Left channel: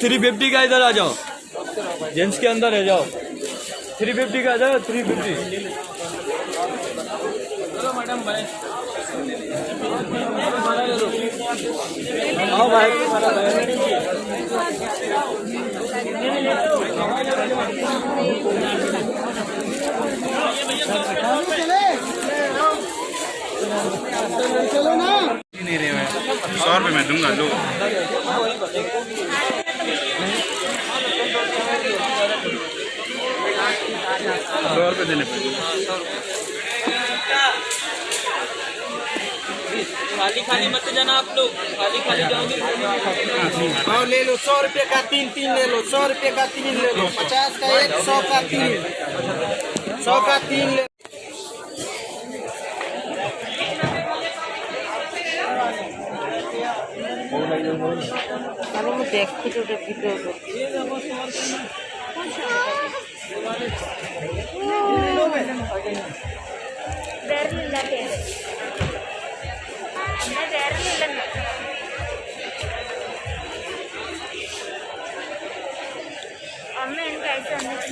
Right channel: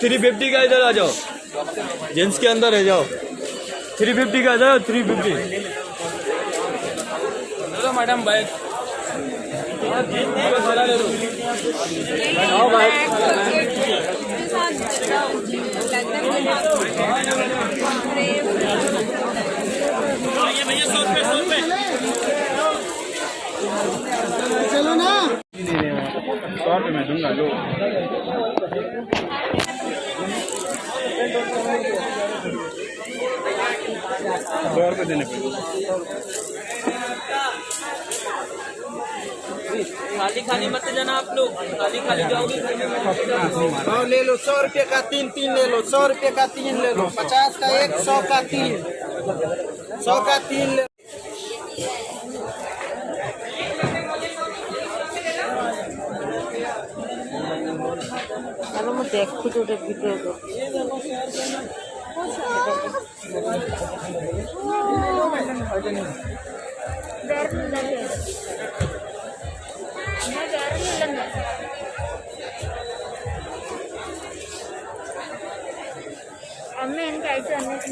350 का इधर आ जाओ, जेंट्स के अंदर है जाओ। 350 का आ जाओ, 350। चलो मैडम भाई, भाड़ा ले लो। हाँ भाई, भैया 100 रुपये, 100 रुपये। चलो ना, नहीं मैं 100 रुपये में दूंगा, लो। 100 रुपये देने पड़ेंगे। खाली खाली मत जाना आप लोग, खाली खाली जाओगे। हाँ ले लो, 100 रुपये का तीन ले लो, 100 रुपये का 3 ले लो, 50 का 1, 100 का 3, 100 का 3 ले। मैं देखो तो वीडियो को అమ్మ ఎంత అయితే అన్నీ